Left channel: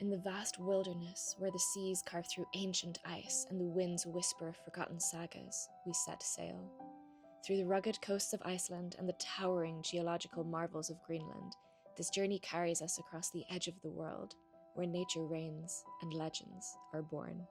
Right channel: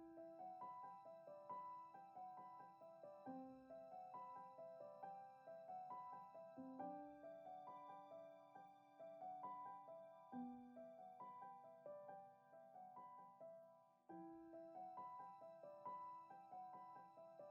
In the vast wilderness, where the seas carve through ancient ice and the winds whisper forgotten sagas, we set sail. Through the rugged coasts of Iceland and the towering geological marvels of Greenland, this journey carries us across the edge of the world, where nature reigns and legends are born.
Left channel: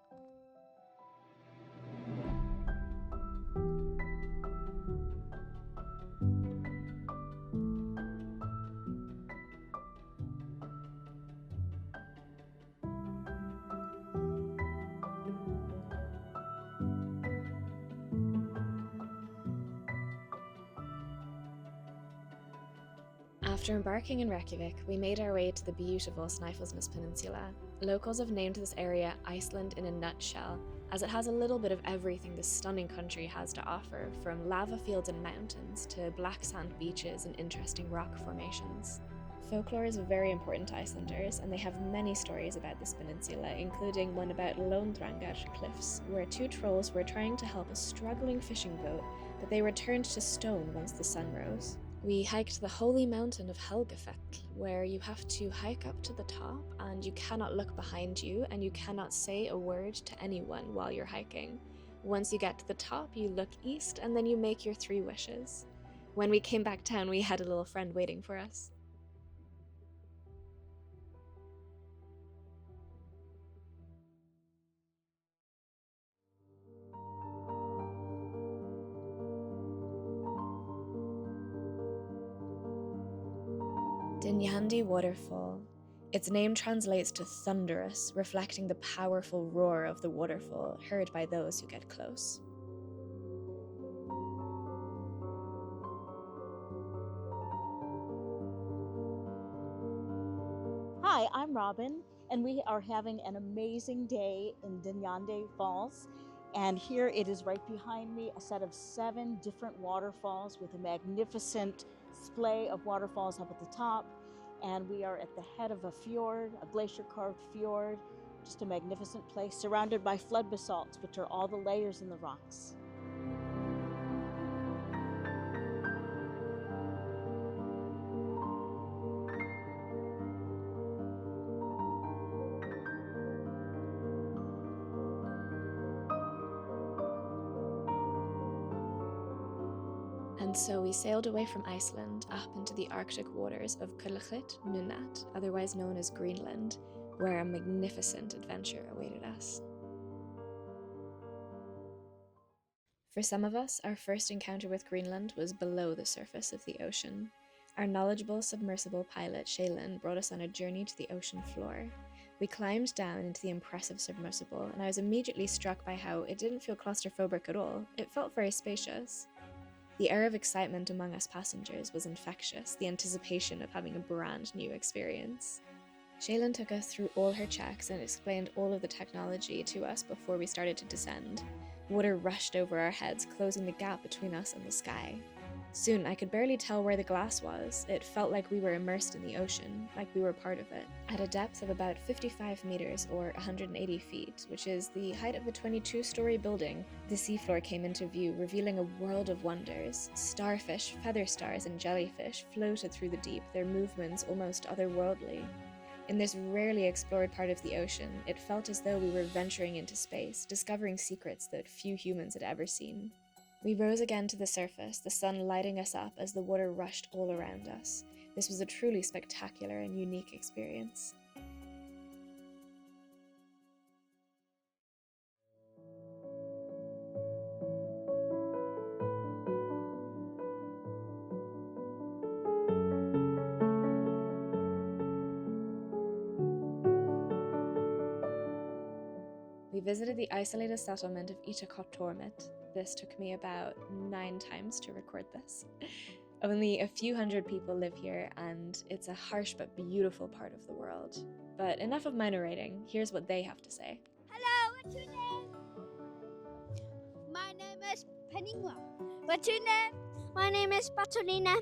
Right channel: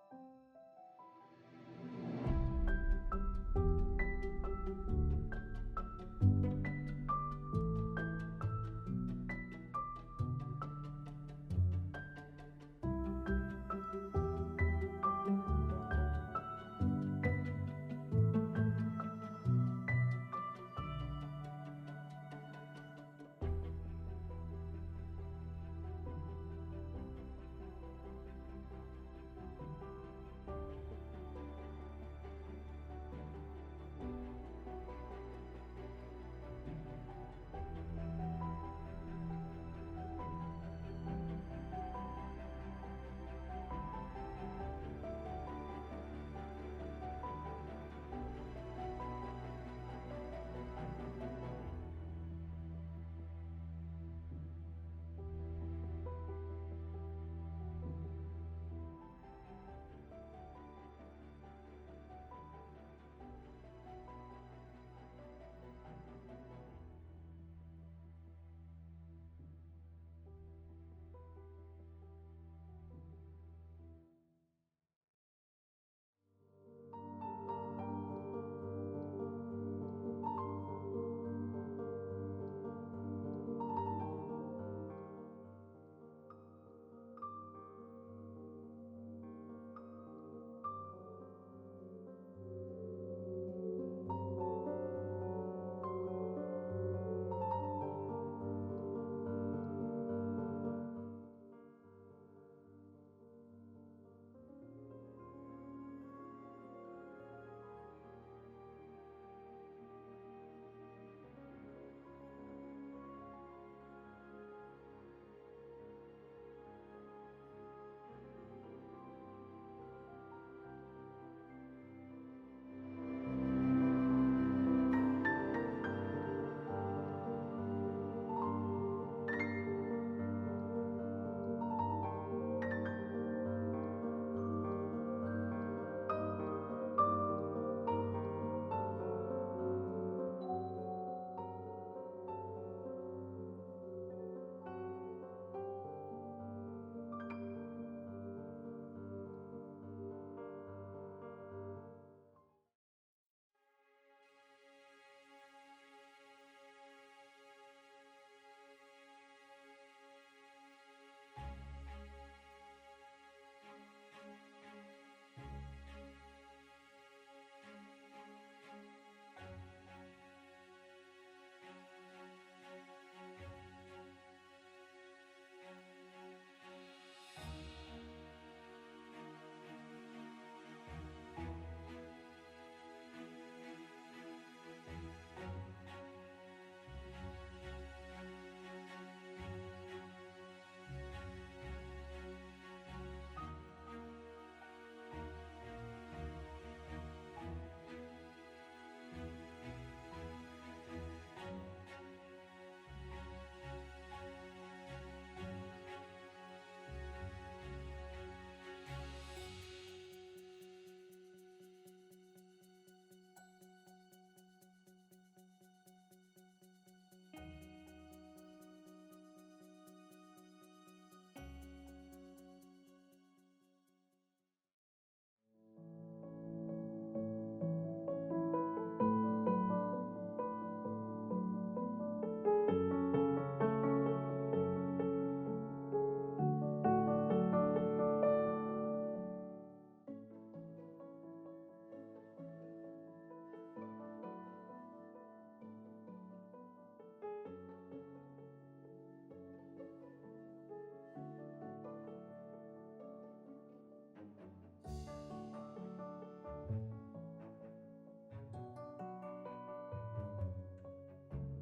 After embarking in Reykjavik, we made our way to the beautiful Snæfellsnes Peninsula. Locals have named this area Iceland in a nutshell, as it has a little bit of everything this stunning country has to offer, from lava fields and mountains to black sand beaches and interesting rock formations. Folklore is very important to Icelanders, and they have many stories about this peninsula, including one about Lóndrangar cliffs, where two trolls were trying to help a struggling fishing boat, but they were turned to stone once the sun rose. We hiked the holy mountain of Helgafell, where you have to hike up to the top and you cannot look behind you and you cannot say a word to anyone while you're hiking. Once you get to the top, you look east and then you make your 3 wishes. When we came back down, we had a little friend waiting for us. Dandi Waterfall. Its name translates to thunderous, reflecting the powerful roar of the waterfall heard by those who get close. Hi, I'm Robin, and we are having an amazing day in Dandi Falls. And here it is right behind me, a set of 7 different waterfalls with a magnificent splay of waterfalls up at the top. And we are at the head of a fjord, a glacier-carved fjord, just a magnificent place surrounded by flood basalts, which are all the layers in the rocks. And so we sailed away from Iceland up into the Arctic waters of Nunat, otherwise known as Greenland, where a magnificent adventure awaited us. For some of us, our first encounter with Greenland was below the surface of the ocean. Our knowledgeable submersible pilot, Shaylin, brought us on a journey to the ocean floor. We climbed down into the impressive submersible, and I was immediately struck by how it didn't feel claustrophobic at all. It felt very spacious. The air of excitement among us passengers was infectious, the anticipation of having a brand new experience. Shaylin took us through all her checks and explained all of the technology to us before we started to descend. Water rushed over our heads, closing the gap between us and the sky. Soon, I could barely tell where the glass was. It felt like we were immersed in the ocean, like we were part of it. At a depth of about 55 meters or 180 feet, which is the height of a 22-story building, the seafloor came into view, revealing a world of wonders. Starfish, feather stars, and jellyfish floated through the deep, their movements almost otherworldly. In this rarely explored part of the ocean, it felt as though we were venturing into space, discovering secrets that few humans had ever seen. We rose again to the surface, the sun lighting us up as the water rushed all around us. This was a truly spectacular and unique experience. We visited the isolated settlement of EOP Tor. This took me about 9 times to record this. Only a few hundred people live here, and it's a harsh but beautiful part of the world. But enough of my narrating, here's what they have to say. Hello, what's your name? My name is Peningua. What's your name? My name is Patolina.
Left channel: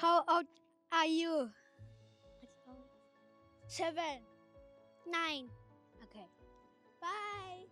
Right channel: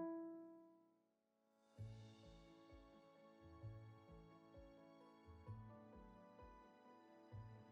How old are you? 7, 9. Okay. Bye.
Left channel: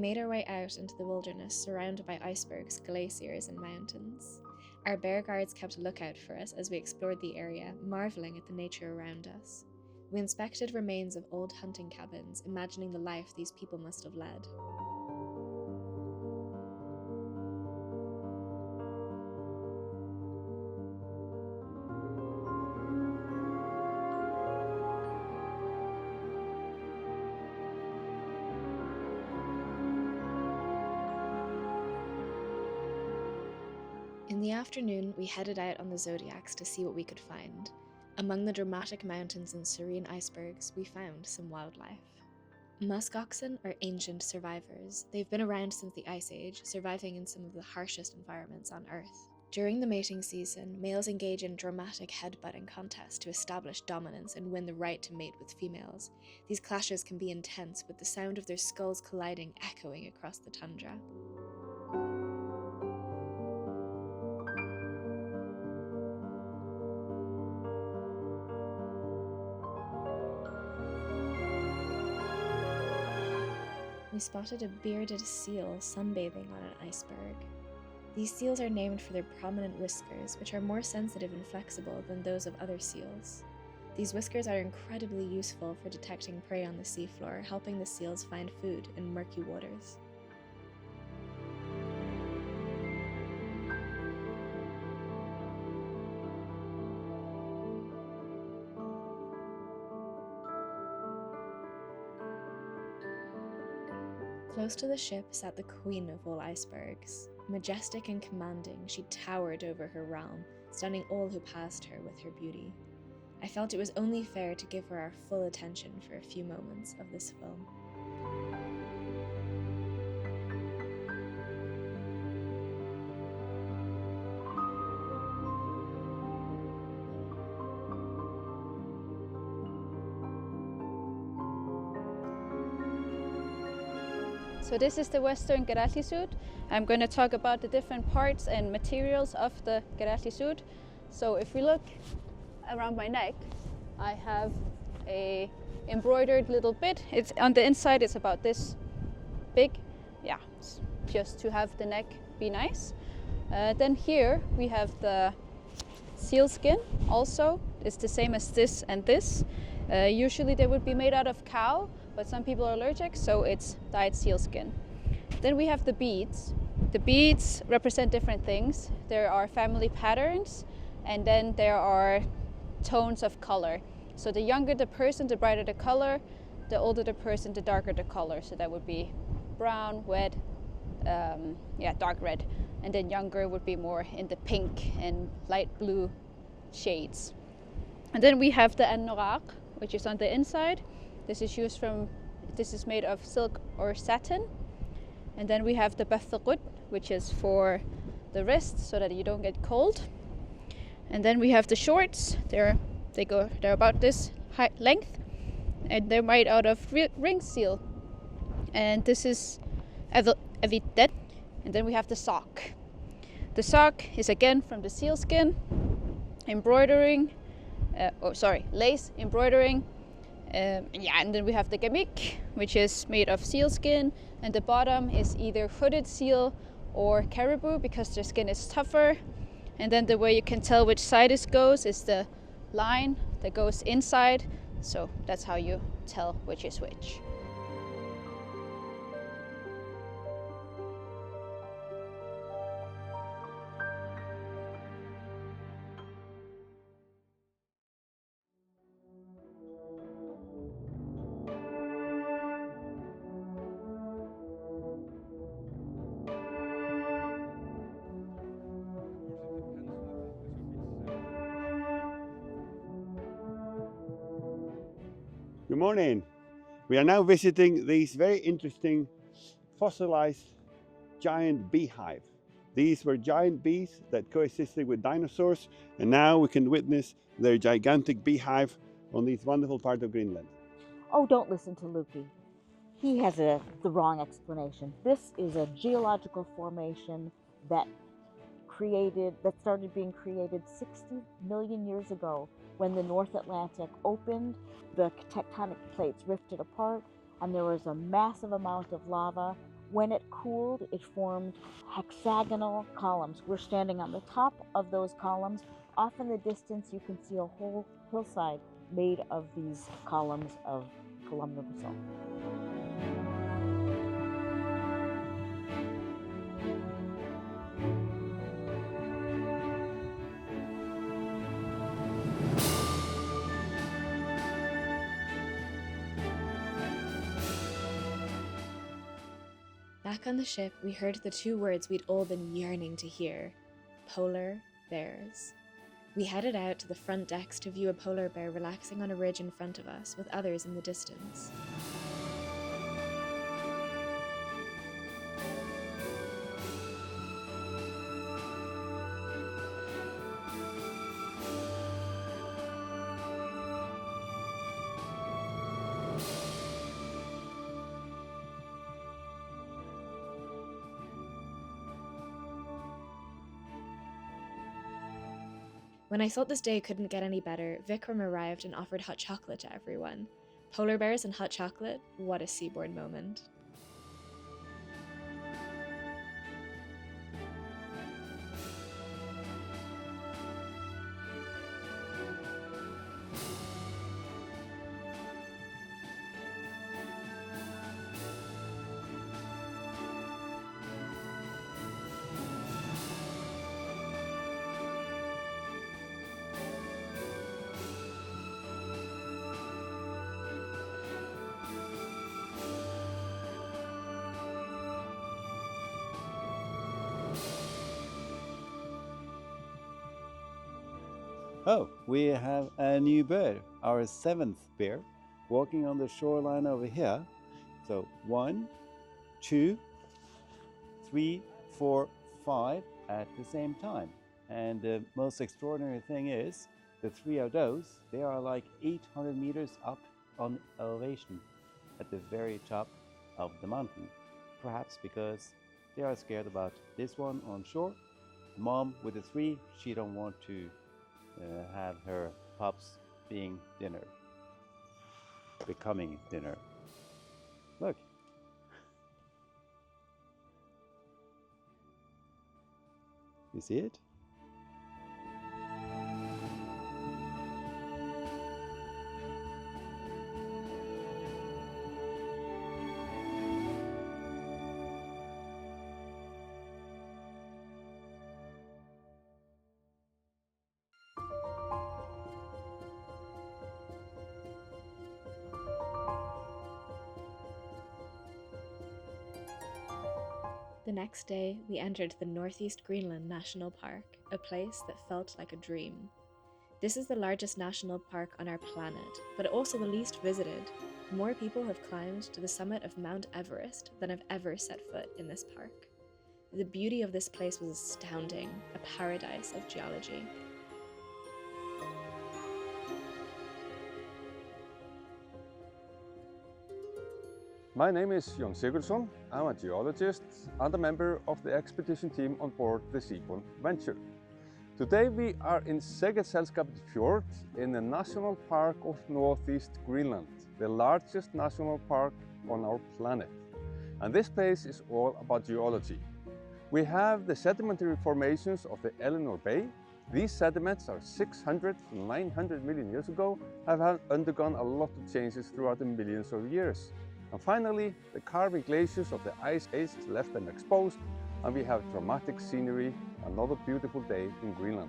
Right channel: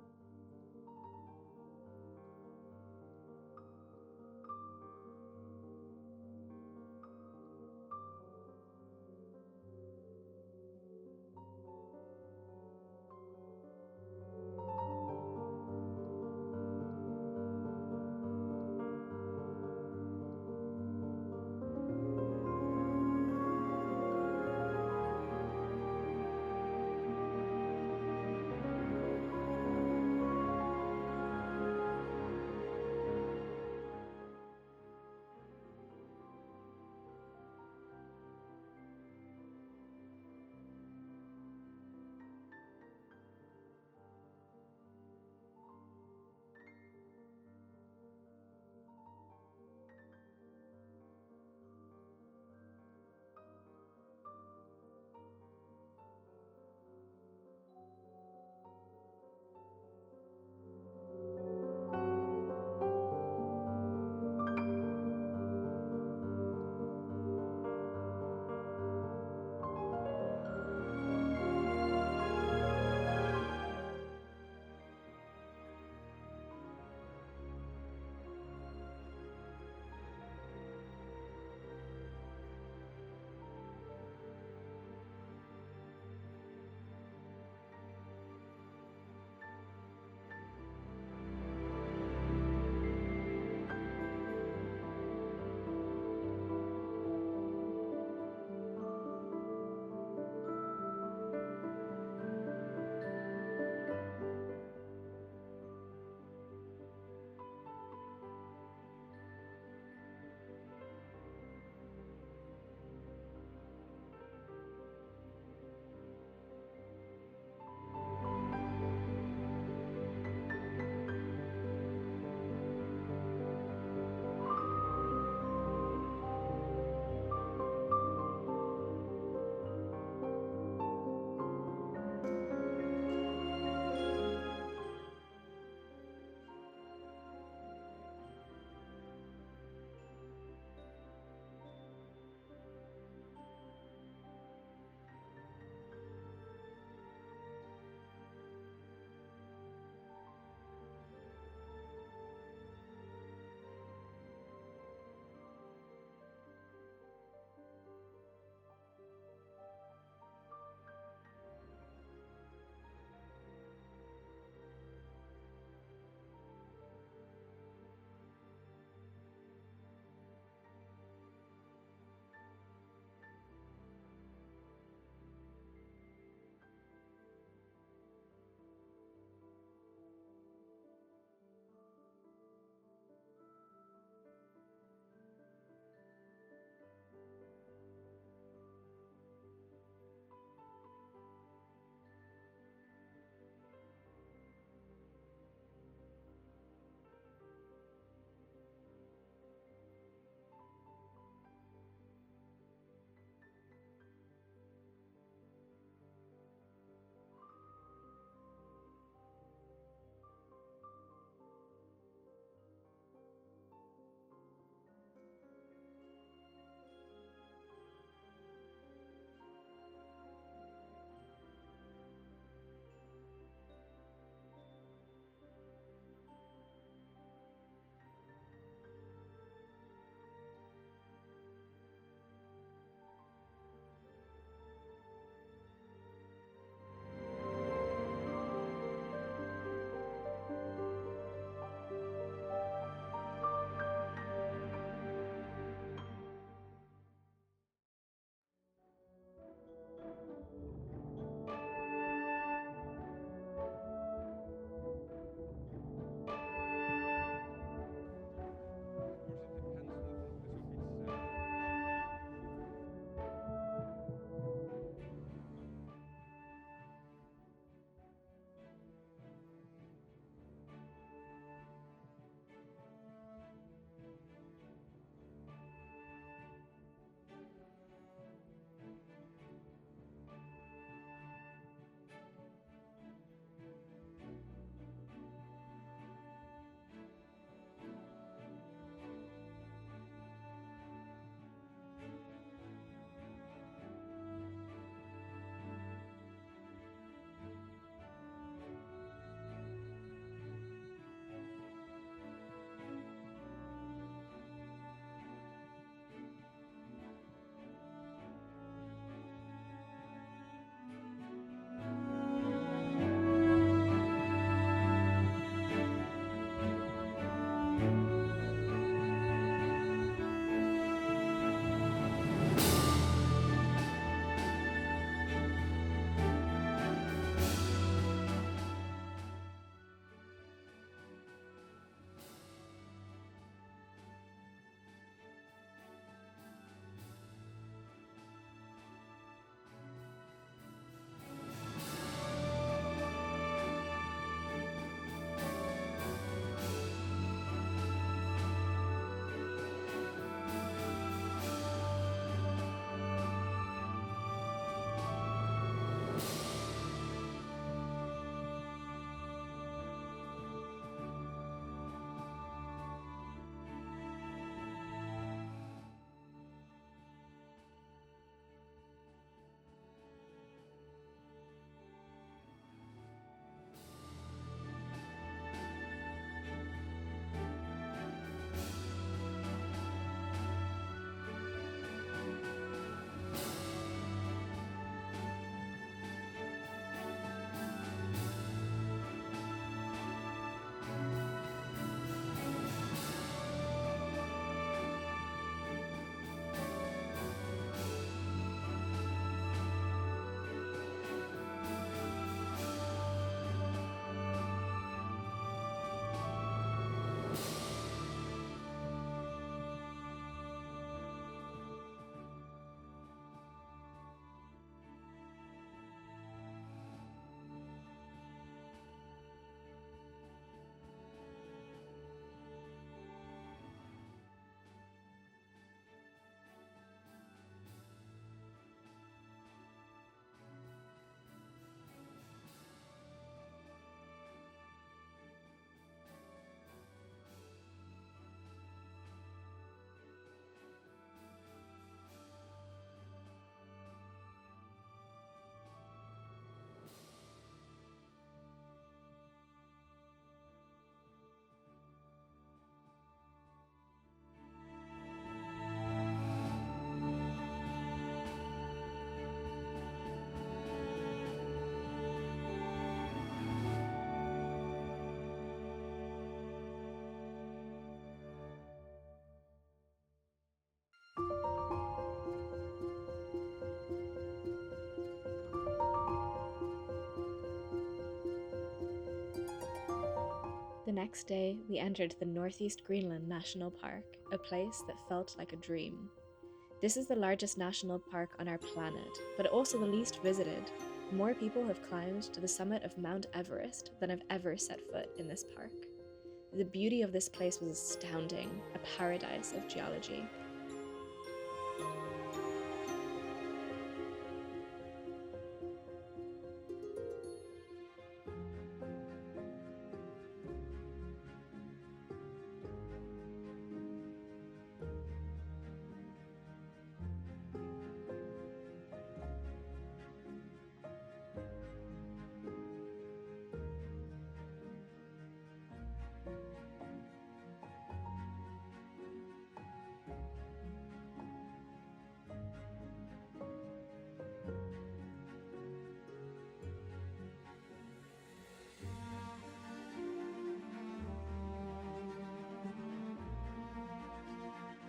made our way out into the wilderness surrounded by icebergs, glaciers, and mountains. Our bear guards kept a lookout for us as we explored the area, marveling at the nature around us. We inspected remains of old hunting cabins, imagining the life these people must have led. In the afternoon, we headed out on the Zodiacs to see what we could find. Among the dramatic mountains and serene icebergs, we found some wildlife. Musk oxen are ancient survivors. They've been around since the Ice Age, surviving in some of the harshest environments on Earth. During the mating season, males engage in dramatic headbutting contests to establish dominance and win the right to mate with females. These clashes can be intense, with the sound of their skulls colliding echoing across the tundra. We spotted a bearded seal sunbathing on an iceberg. These seals are named for their prominent whiskers, which are more sensitive and flexible than those of other seals. These whiskers are incredibly useful for detecting prey on the seafloor, helping the seals find food in murky waters. Close to the ship sat the queen of all icebergs. Majestic and commanding, she towered over her realm, stunning all who passed her with her beauty. I felt it was only fair to give her our full attention for a few moments of this film. So this is the Western Geralli suit. I'm going to talk about the different parts and materials of the Geralli suit. So if we look around my neck, I have a embroidered little bit. It's on the inside, it's about this big. Yeah, just to have the neck be nice. Then here we have the seal skin also. It's the same as this and this. Usually they would be made out of cow, but some people are allergic, so it's dyed seal skin. Then we have the beads. The beads represent different things. There are family patterns, and then there are tones of color. So the younger the person, the brighter the color. The older the person, the darker the color. So that would be brown, red, dark red. And then younger would be more in the pink and light blue shades. And then we have the anorak, which is on the inside. This is made of silk or satin. And then we have the bafthaqut, which is for the wrist so that you don't get cold. And then we have the shorts. They're about this length, and they're made out of ring seal. And this is avitet. And then we have the sock. The sock is again from the seal skin, lace embroidering. And then we have the gamik, which is made of seal skin, and the bottom is either hooded seal or caribou because their skin is tougher. And then the way you can tell which side it goes is the line that goes inside, so that's how you tell which is which. Good morning. We are now visiting these very interesting fossilized giant beehive. These were giant bees that coexisted with dinosaurs, and now we can witness their gigantic beehive on this wonderful part of Greenland. Oh, don't listen to Luki. He has the wrong explanation. This is a geological formation that started being created 60 million years ago when the North Atlantic opened, the tectonic plates rifted apart, and there was a massive amount of lava When it cooled, it formed hexagonal columns. We're standing on the top of those columns. Off in the distance, you can see a whole hillside made of these columns of columnar basalt. Back on the ship, we heard the two words we'd all been yearning to hear: polar bears. We headed out to the front decks to view a polar bear relaxing on a ridge in front of us, with others in the distance. When I thought this day couldn't get any better, Vikram arrived and offered hot chocolate to everyone. Polar bears and hot chocolate, what a Seabourn moment. Oh, we have a new bird, our seventh bear, walking on the shoreline over here. So 1, 2, 3, 4, 5 at the same time. And the most extraordinary thing is, the 3 of those, they are like 800 meters up on elevation at the very top of the mountain. Perhaps because they are scared about this one on shore. Mom with the 3, she don't want to have her pups being dinner, becoming dinner. Look. You see it? The next day, we entered the Northeast Greenland National Park, a place that felt like a dream. This is the largest national park on our planet, but also the least visited. More people have climbed to the summit of Mount Everest than have ever set foot in this park. The beauty of this place was astounding, a paradise of geology. My name is Jon Sigurdsson. I'm a geologist and a member of the expedition team on board the Seabourn Venture. Today we are in Segerselskapet Fjord in the National Park of Northeast Greenland, the largest national park on our planet. And this place is all about geology. We have the sedimentary formations of the Eleanor Bay. These sediments are 600 to 900 million years ago, have undergone a lot of changes throughout the millions of years. And finally, the carving glaciers of the ice age left them exposed, and we have dramatic scenery, another beautiful day in Greenland.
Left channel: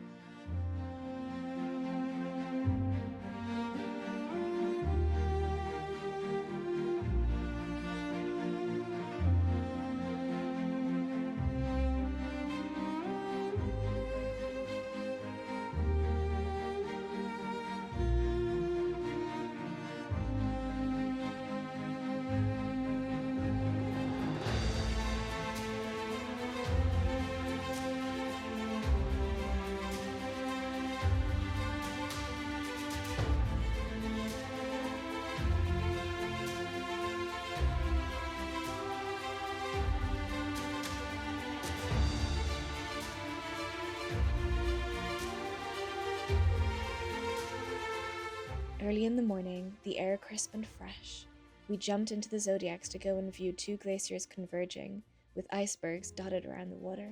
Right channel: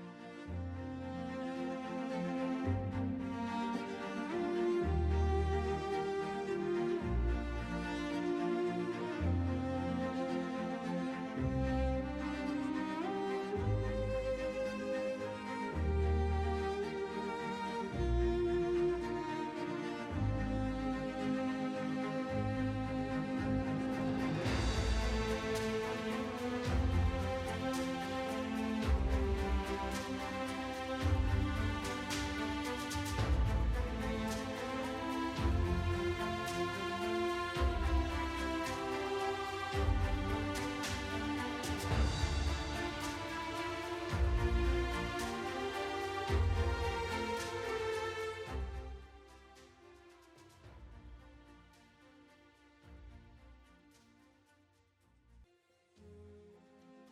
Early in the morning, the air crisp and fresh. we jumped into the Zodiacs to go and view 2 glaciers converging, with icebergs dotted around the water.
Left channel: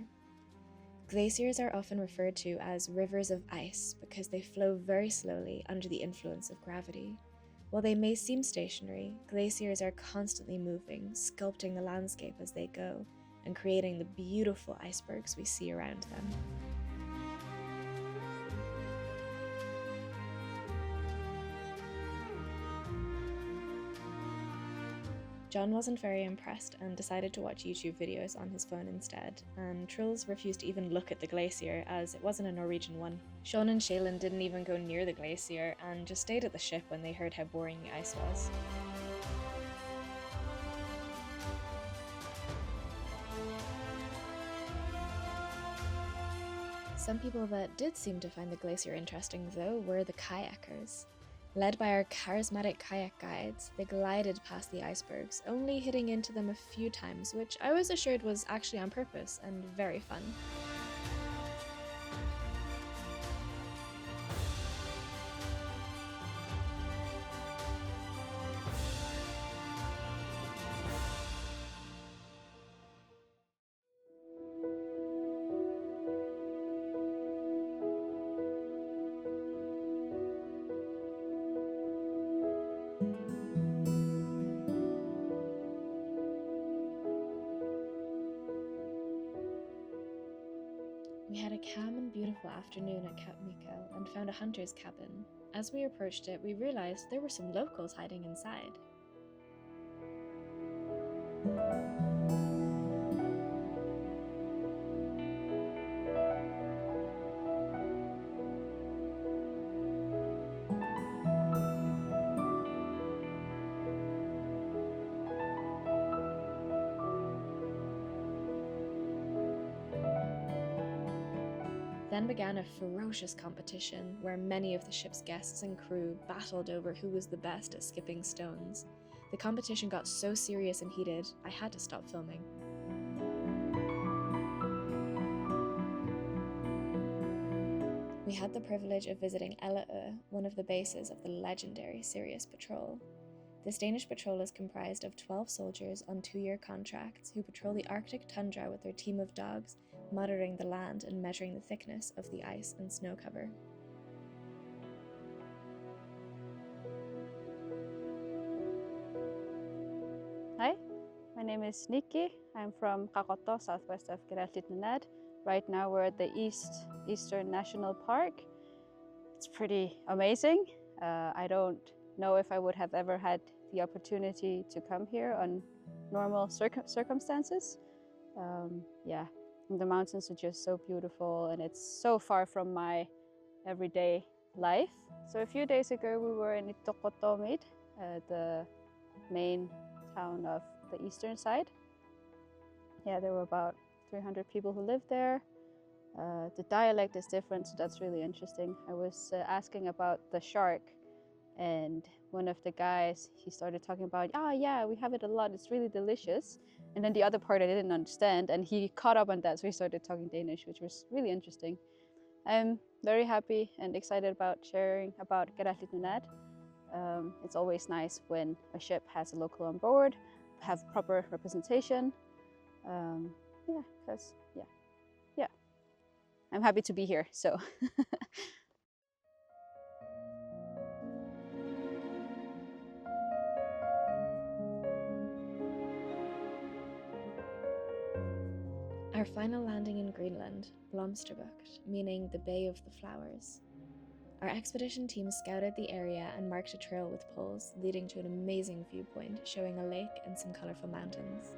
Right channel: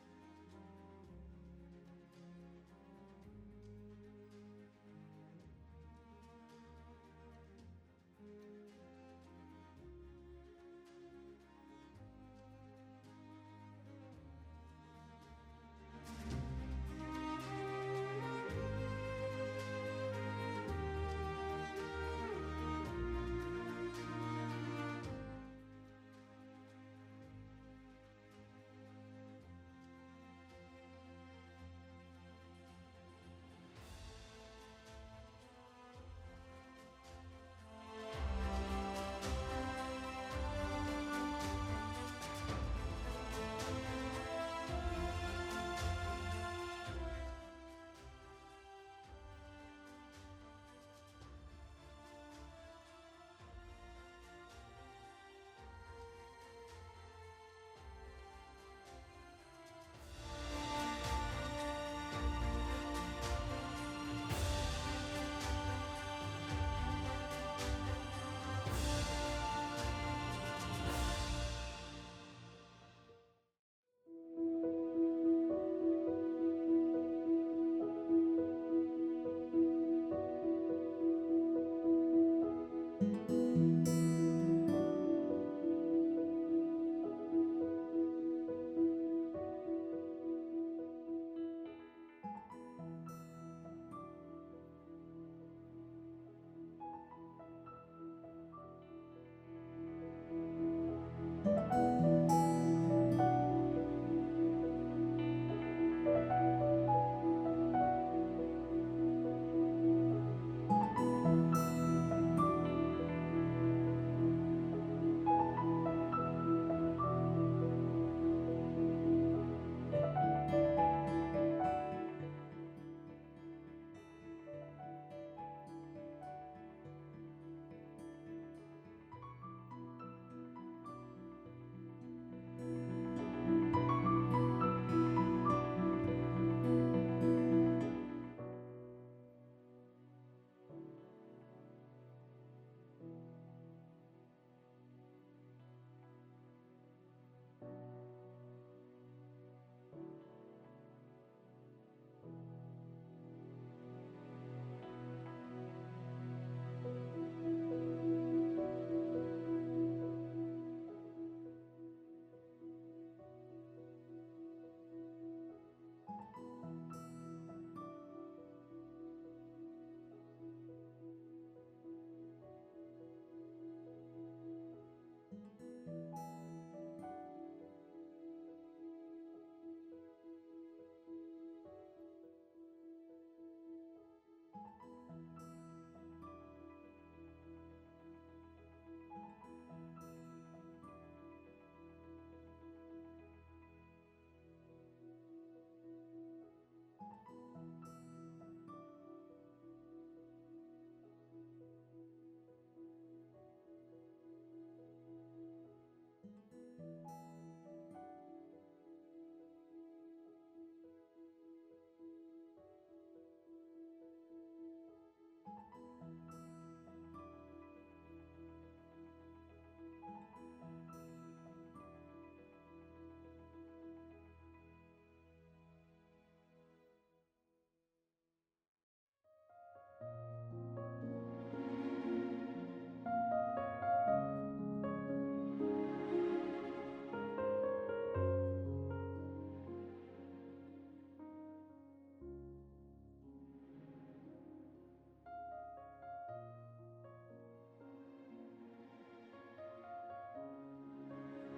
Glaciers are often referred to as rivers of ice because they flow very slowly under the influence of gravity. While they may seem stationary, glaciers are constantly moving, sculpting the landscape as they go, and creating the beautiful icebergs we see around them. John wasn't very impressed and decided to watch YouTube videos on his phone instead, and Truls refused to even look at the glacier as it wasn't a Norwegian one. Sean and Shaylin didn't even go near the glacier and just stayed at the ship when they heard how boring the ice was. Some people that did seem to find the glacier interesting though were the kayakers. Led by our charismatic kayak guides, they glided past the icebergs, only hitting into them a few times, which I was assured was actually on purpose and very fun. We had a calm and beautiful afternoon at Cap Miko and found a hunter's cabin. As we approached it, we realized there were some locals hiding inside. Then began a ferocious competition where many of the ship's guests and crew battled over who was the best at skipping stones. The competition got so serious and heated, I had to stop filming. We had the privilege of visiting Ella-Ø, one of the bases of the legendary Sirius Patrol. This Danish patrol is comprised of 12 soldiers on 2-year contracts who patrol the Arctic tundra with their team of dogs, monitoring the land and measuring the thickness of the ice and snow cover. Hi, my name is Nikki. I'm from Kakoto, southwest of Gundry-Beck. Right now we're at the Eastern National Park. It's pretty amazing. I don't know if I would have ever had the opportunity to come here on normal circumstances. Yeah, the mountains are just so beautiful and it's so far from my everyday life. So a few days ago we were in Itokotomid, the main town of the eastern side. Yeah, there were about 300 people who lived there. The dialect is different, so that's really interesting. I was asking about the shark, and one of the guys, he started talking about, yeah, we have it a lot, it's really delicious. And then the other part I didn't understand, and he caught up on that, so he started talking Danish, which was really interesting. I'm very happy and excited about sharing about Gundry-Beck. It's always nice when a ship has a local on board, have proper representation. Yeah, I'm happy to be here, so. Our final landing in Greenland, Blomsterbukt, meaning the Bay of the Flowers. Our expedition team scouted the area and marked a trail with poles, leading to an amazing viewpoint showing a lake and some colorful mountains.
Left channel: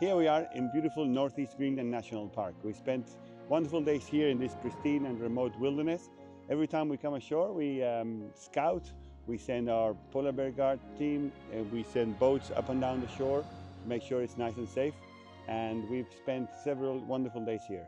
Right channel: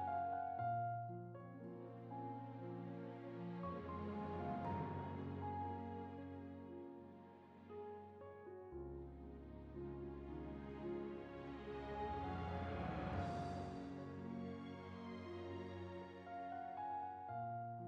Here we are in beautiful Northeast Greenland National Park. We spent wonderful days here in this pristine and remote wilderness. Every time we come ashore, we scout, we send our polar bear guard team, we send boats up and down the shore to make sure it's nice and safe. And we've spent several wonderful days here.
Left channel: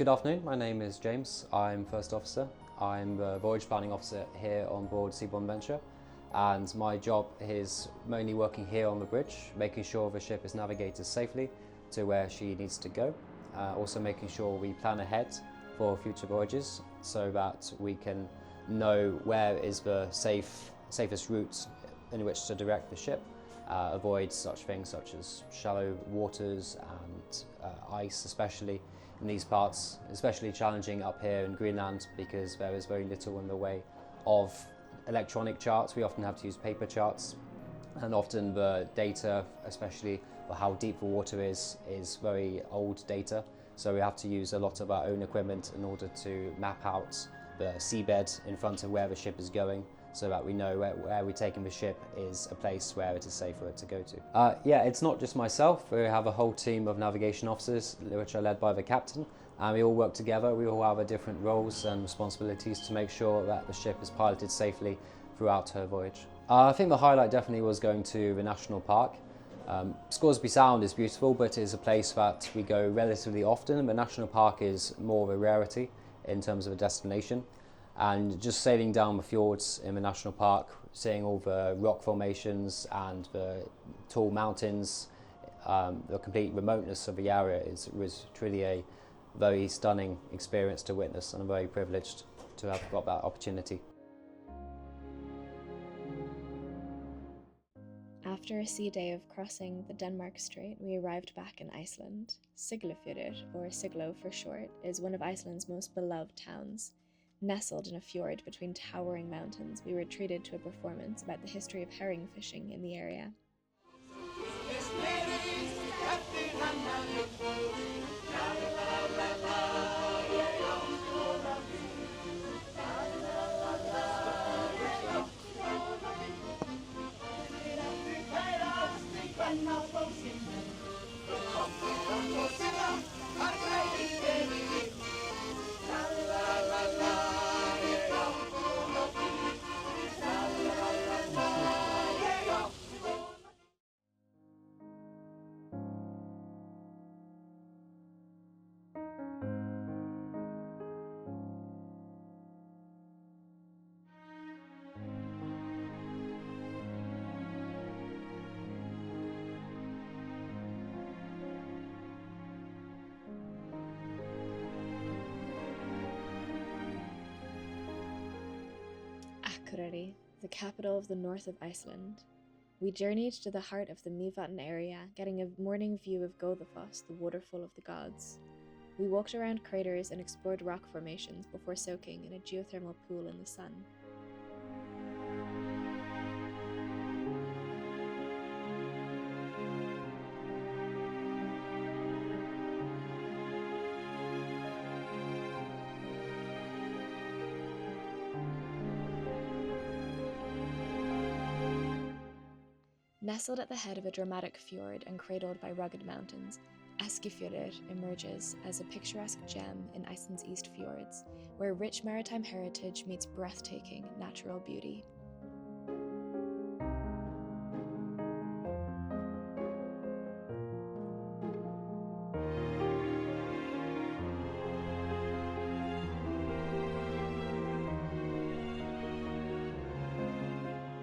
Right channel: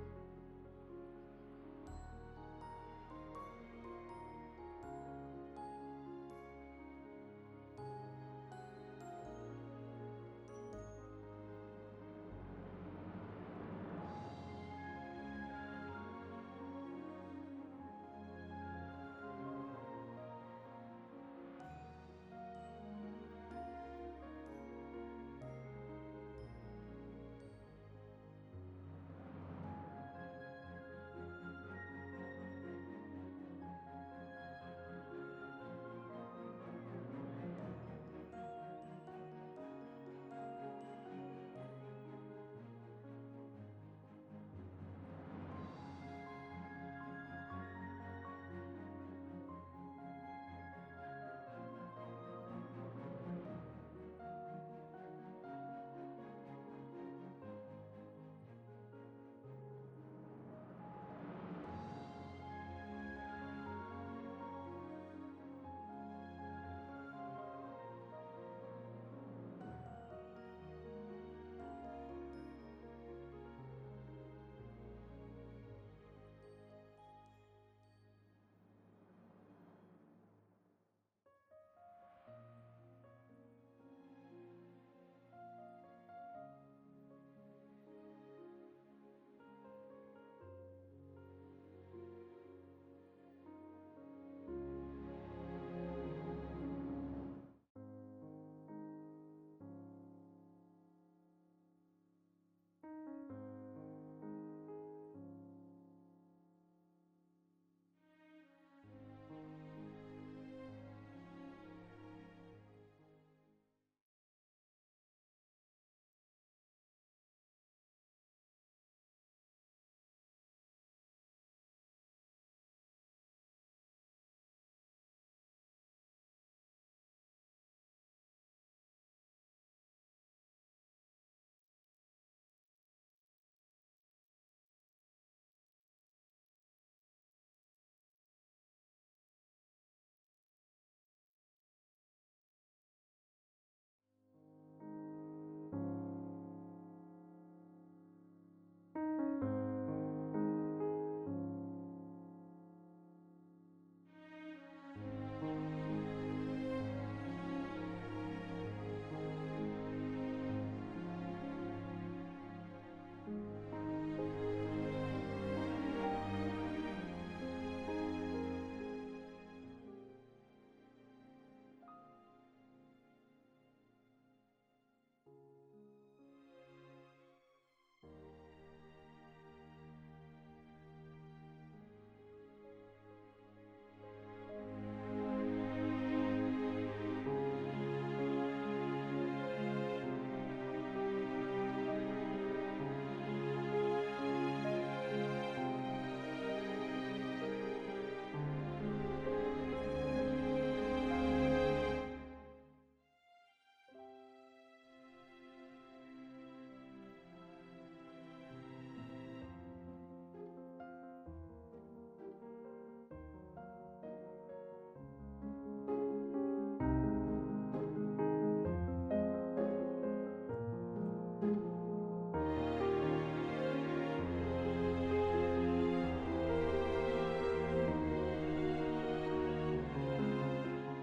Good afternoon, my name is James. I'm First Officer. I'm the Voyage Planning Officer here on board Seabourn Venture, and my job is mainly working here on the bridge, making sure the ship is navigated safely to where she needs to go. Also making sure we plan ahead for future voyages so that we can know where is the safest route in which to direct the ship, avoid such things such as shallow waters and ice, especially in these parts, especially challenging up here in Greenland because there is very little in the way of electronic charts. We often have to use paper charts, and often the data, especially how deep the water is very old data. So we have to use a lot of our own equipment in order to map out the seabed in front of where the ship is going, so that we know where we're taking the ship is a place where it is safe for it to go to. Yeah, it's not just myself. We have a whole team of navigation officers which are led by the captain, and we all work together. We all have our different roles and responsibilities to make sure that the ship is piloted safely throughout her voyage. I think the highlight definitely was going to the national park. Scoresby Sound is beautiful, but it is a place that we go relatively often. The national park is more of a rarity in terms of a destination. And just sailing down the fjords in the national park, seeing all the rock formations and the tall mountains, the complete remoteness of the area was truly a very stunning experience to witness, and I'm very privileged to have got that opportunity. After a sea day of crossing the Denmark Strait, we arrived back in Iceland. Siglufjörður, or Siglo for short, is one of Iceland's most beloved towns. Nestled in a fjord between towering mountains, we were treated to a performance about the history of herring fishing in the area. The capital of the north of Iceland. We journeyed to the heart of the Mývatn area, getting a morning view of Goðafoss, the waterfall of the gods. We walked around craters and explored rock formations before soaking in a geothermal pool in the sun. Nestled at the head of a dramatic fjord and cradled by rugged mountains, Eskifjörður emerges as a picturesque gem in Iceland's East Fjords, where rich maritime heritage meets breathtaking natural beauty.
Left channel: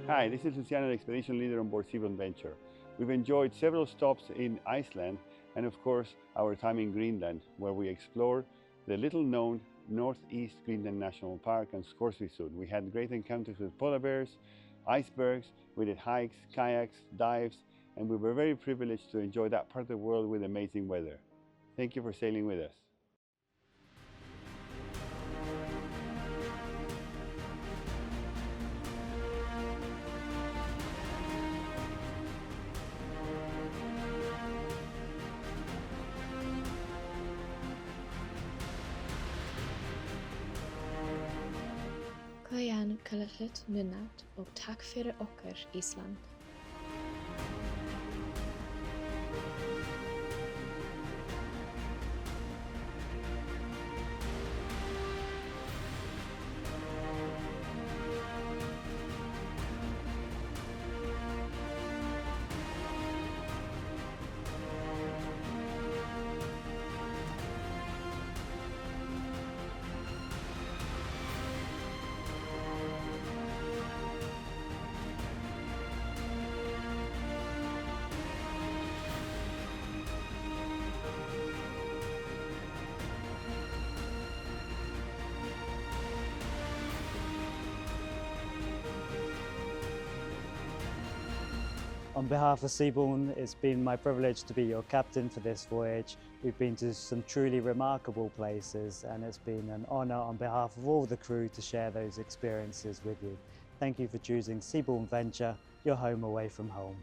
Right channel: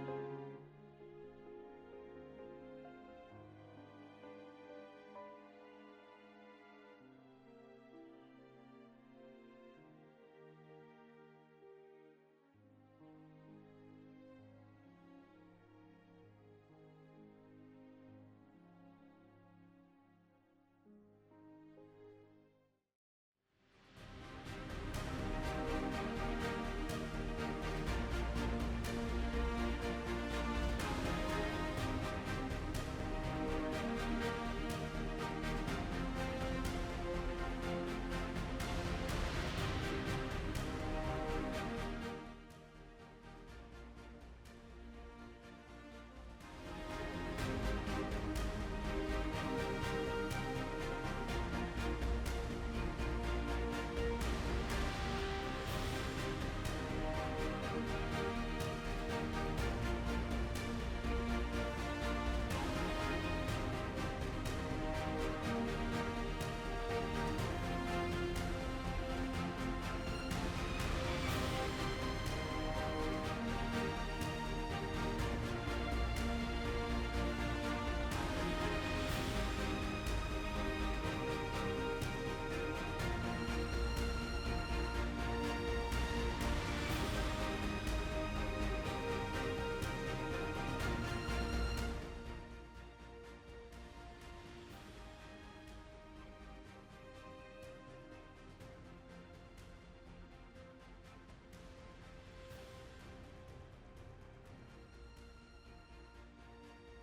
Hi, this is Luciano, the expedition leader on board Seabourn Venture. We've enjoyed several stops in Iceland and of course our time in Greenland, where we explored the little known Northeast Greenland National Park and Scoresby Sound. We had great encounters with polar bears, icebergs, we did hikes, kayaks, dives, and we were very privileged to enjoy that part of the world with amazing weather. Thank you for sailing with us. Góðan kvöld, Nunnat, og takk fyrir okkur, Ísland. On behalf of Seabourn, it's been my privilege to be your captain for this voyage. We've been to some truly remarkable places, and it's been an honour on behalf of all the crew to share those experiences with you. Thank you for choosing Seabourn Venture, your home away from home.